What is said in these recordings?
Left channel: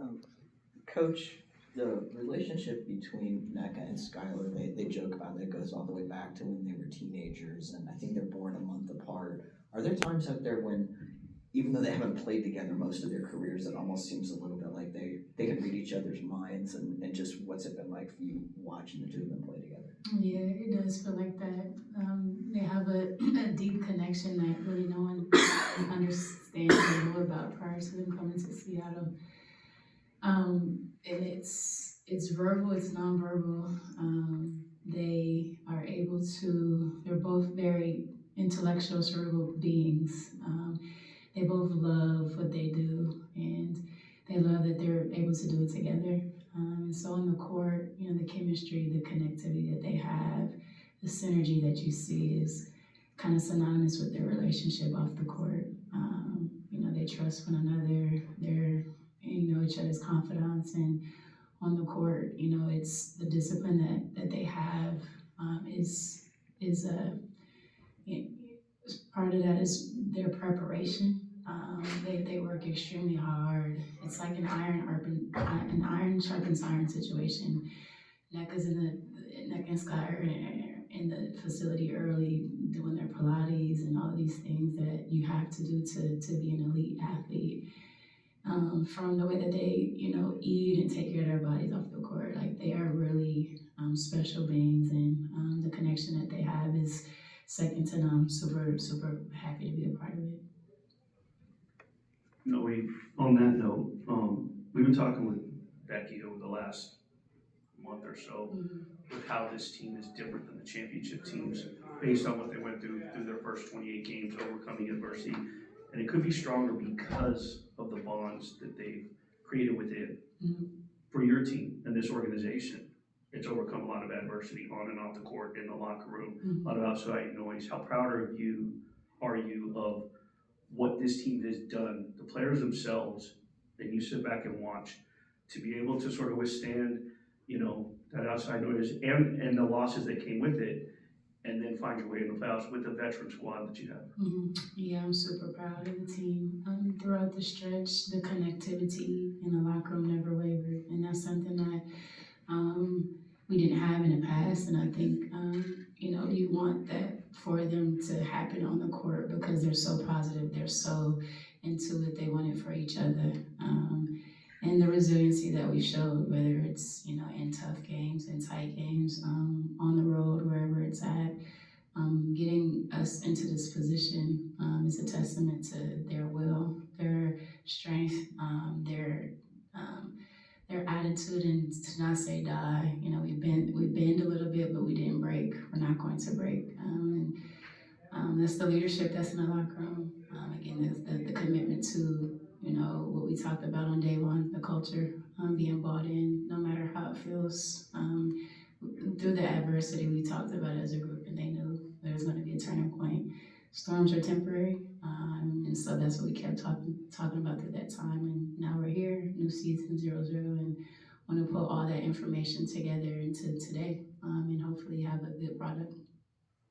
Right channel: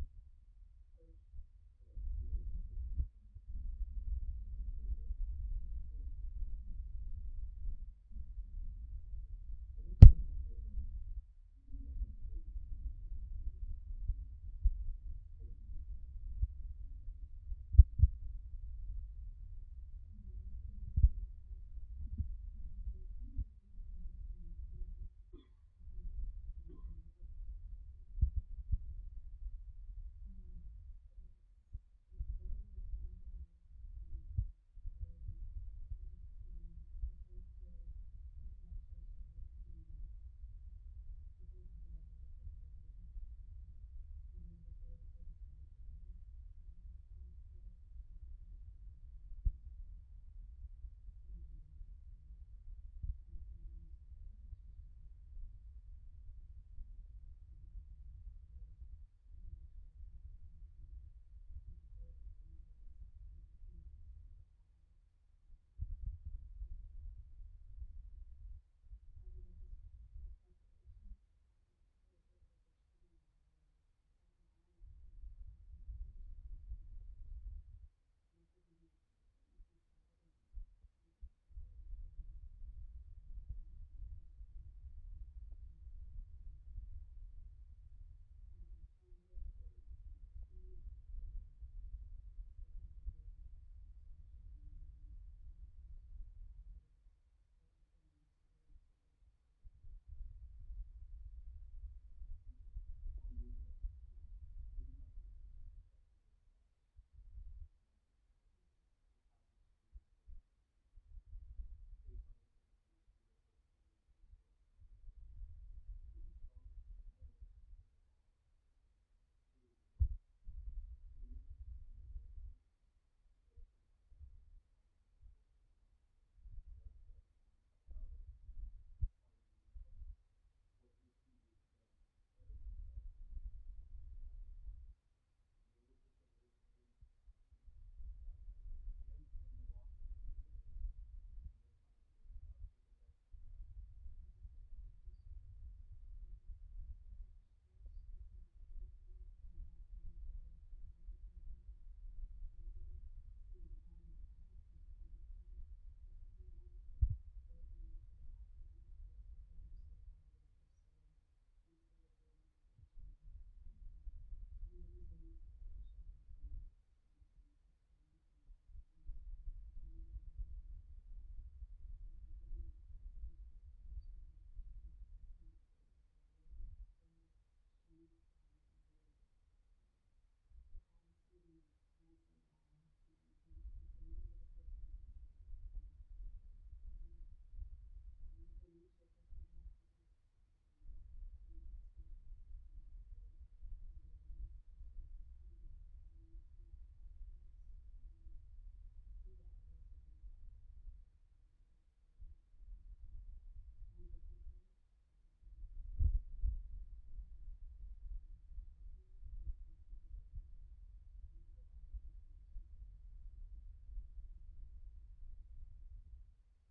Um, Coach, the relationship between Nneka and Skylar, they joke about it, it goes all the way back to when they were teenagers, and I think they're born a month apart. Are there times out there when, even though they haven't played together most of their careers, it almost seems a little bit like they can read each other's minds, and just what's it been like for you watching the two of them play together? Yeah, it does feel like that. They have a deep connection that really no one understands or knew about prior to them coming to Seattle. And it's verbal, it's nonverbal. They are able to. They're both very intellectual, cerebral beings. They both love what they do, and they love that they're able to do it together. And so on the court, the chemistry, the connectivity that they have, the synergy that you see is kind of synonymous with their relationship off the court. They trust one another. They're each other's confidants, and on the court, it's the discipline that they have is part of that is their preparation. They work extremely hard. It's like an iron sharpens iron situation. Nneka's Nneka and Skylar in the facility early, doing their Pilates and all these things that you have to do to be an elite athlete. From the way that they, eat and take care of their bodies off the court, like they are really special beings, and the connection that they have is second to none. Super, super happy to be a part of it. No, on that note, we've been talking with Becky over the last month or so with how this team is different than the championship teams based on what they went through their first 28 games, overcoming adversity. And it could be stronger because of the bonds that they've created within. For your team and this organization, it's overcome a lot of adversity on and off the court, in the locker room, a lot of outside noise. How proud are you of what this team has done, the players themselves, and you sit back and watch, to be able to sort of withstand, that outside noise and the losses that came with it, and then find your way in the playoffs with the veteran squad that you have? Yeah, I'm super proud of the team. Throughout the stretch, the connectivity in the locker room never wavered, and that's something that we didn't have in the past. And I think you want that for them to happen on the court because they're so positive, they're so into it, they want it for each other. And the resiliency that we showed, whether it's in tough games, in tight games, on the road, wherever it's at, getting us into this position is a testament to their will, their strength, um, their attitude, and to not say die. We bend a little bit, but we didn't break. We're not going to break. That's the leadership that's in the locker room. Again, the commitment to what we talked about on day one, the culture, being bought in, no matter how it feels. Through the adversity, we talked about it as a group, and they knew there was going to be a turning point. Storms are temporary, and so that's what we kept talking about through that time. And now we're here, new season 0-0, and want to put all that information together into today, and hopefully have a good product.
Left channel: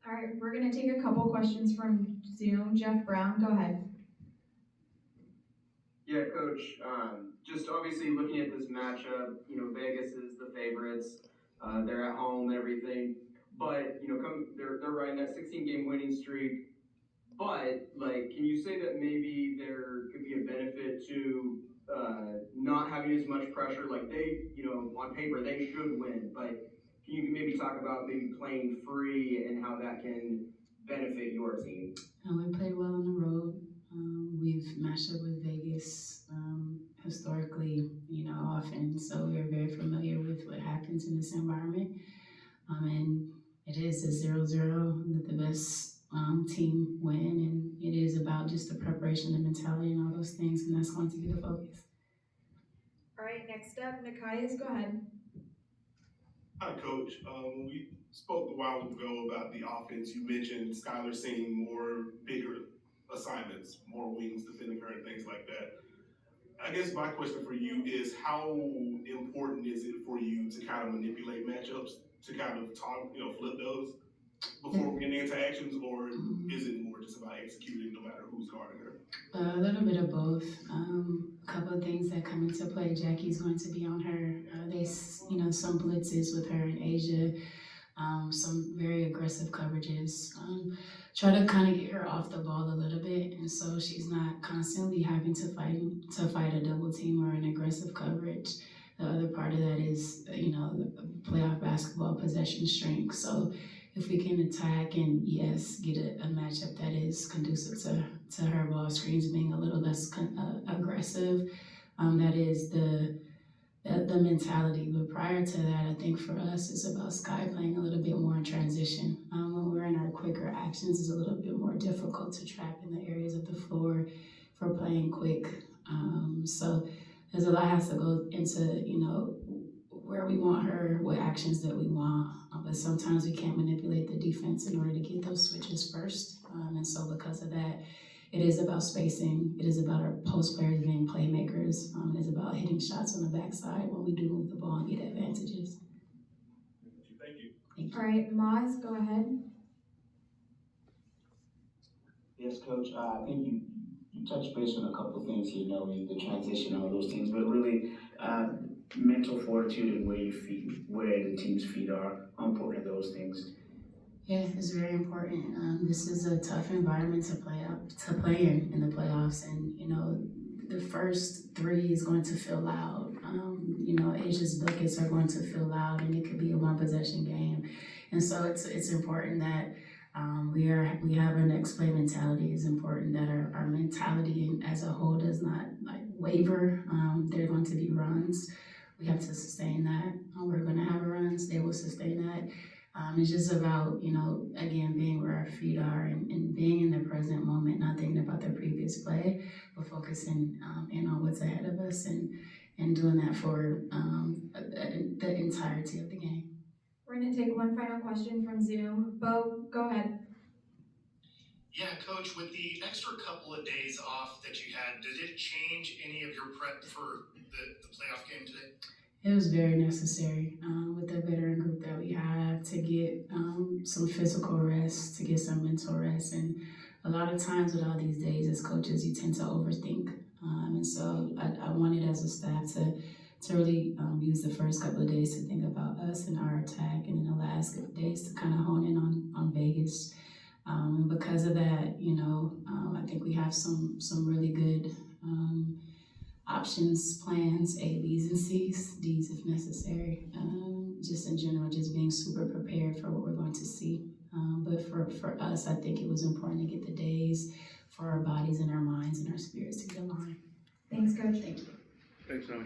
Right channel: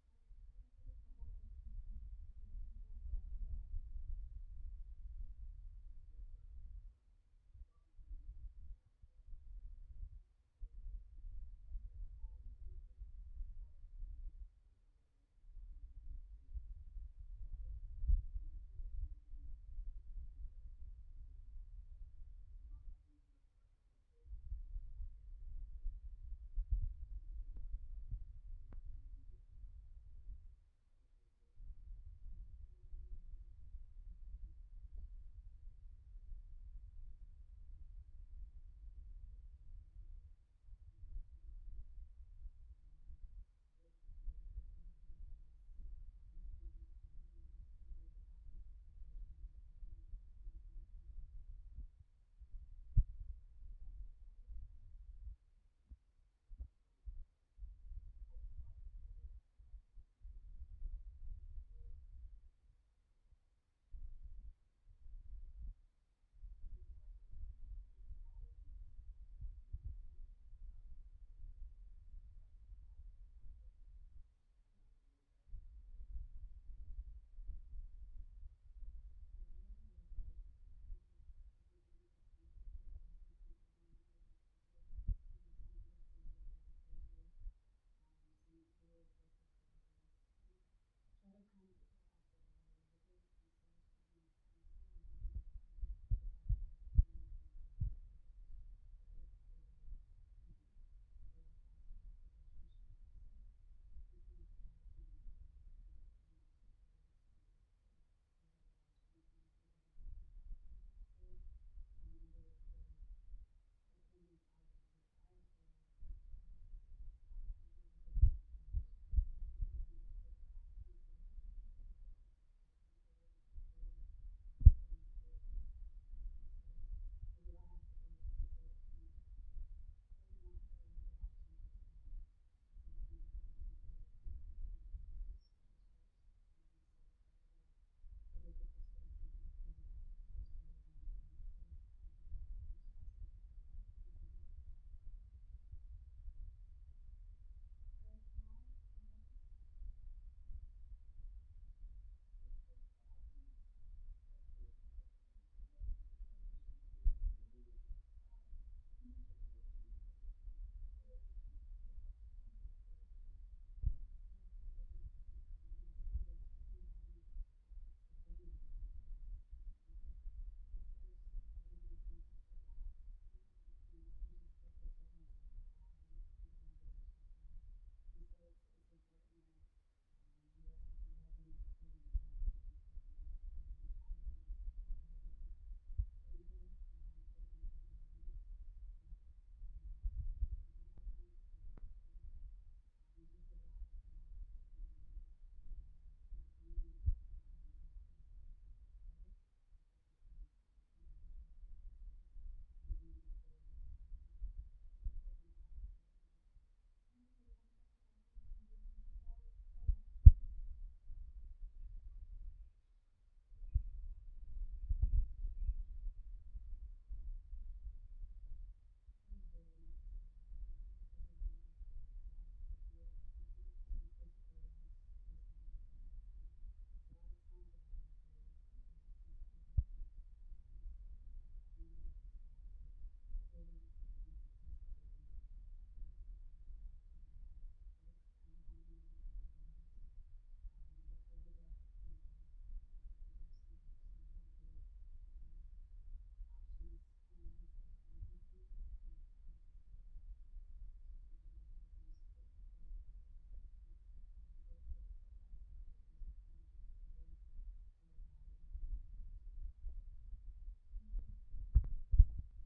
All right, we're going to take a couple questions from Zoom. Jeff Brown, go ahead. Yeah, Coach. Just obviously looking at this matchup, Vegas is the favorites. They're at home and everything, but they're riding that 16-game winning streak. But can you say that maybe there could be a benefit to not having as much pressure? Like on paper they should win, but can you maybe talk about maybe playing free and how that can benefit your team? We played well on the road. We've matched up with Vegas historically, often, so we're very familiar with what happens in this environment. And it is a 0-0 that the best team win, and it is about just the preparation, the mentality, and all those things, and that's going to be the focus. All right, next up, Nikias, go ahead. Hi, Coach. When we spoke a while ago about the offense, you mentioned Skylar seeing more bigger assignments, more wings defending her and things like that. I guess my question for you is how important is it for you to kind of manipulate matchups to kind of flip those? before getting into actions, or is it more just about executing no matter who's guarding her? A little bit of both. A couple of things that come into play. Jackie's going to be on her. Some blitzes with her in Asia. Some very aggressive coverages. Try to kind of get her off the ball a little bit, and so she's not constantly having to fight a double team or an aggressive coverage. The other part of that is, the playoff basketball possession strength. So if we can attack and yes, get a matchup that is conducive to her ball screens being a little less aggressive, that is the mentality. But prior to that, I think for us, it's about Sky playing a little bit more in transition. When we're in our quicker actions, it's a little bit more difficult to trap in the areas of the floor for playing quick. So there's a lot has to go into, where we want her, what actions that we want. But sometimes we can't manipulate the defense in order to get those switches first. And so because of that, it is about spacing. It is about our post players being playmakers. It is about hitting shots on the backside when we do move the ball and get advantages. Thank you. Thank you. All right, Moz, go ahead. Yes, Coach. I think you touched base on a couple of things here, the transition, all those things, but really mental fortitude and where the team's feet are. How important are those things? Yeah, it's very important. This is a tough environment to play in the playoffs, and the first three is going to feel loud. Asia's buckets are going to feel loud, and it could be a one possession game, and so it's important that we have our next play mentality. It's important that our mentality as a whole does not waver. There are going to be runs. We have to sustain that. We're going to have runs. They will sustain that. It's just about, again, being where our feet are and being in the present moment, not thinking about the previous play, but focusing in on what's ahead of us and doing that for the entirety of the game. We're going to take one final question from Zoom. Bo, go ahead. Yeah, Coach, with the extra couple of days off that you had, did it change any of your prep for the playoff game today? It was very necessary with the veteran group that we have to get some physical rest, to get some mental rest. And a lot of times with all these days as coaches, you tend to overthink. And so I wanted as a staff to really use the first couple of days to think about us and our attack, and in the last days to kind of hone in on Vegas. And because of that, I think we have some really good options, plans, A, B's, and C's, D's if necessary. Just in general, just being super prepared for what we're going to see. But for us, I think it was important to get the days for our bodies and our minds and our spirits to get aligned. Thanks, Coach. Thank you. Thanks, Noelle.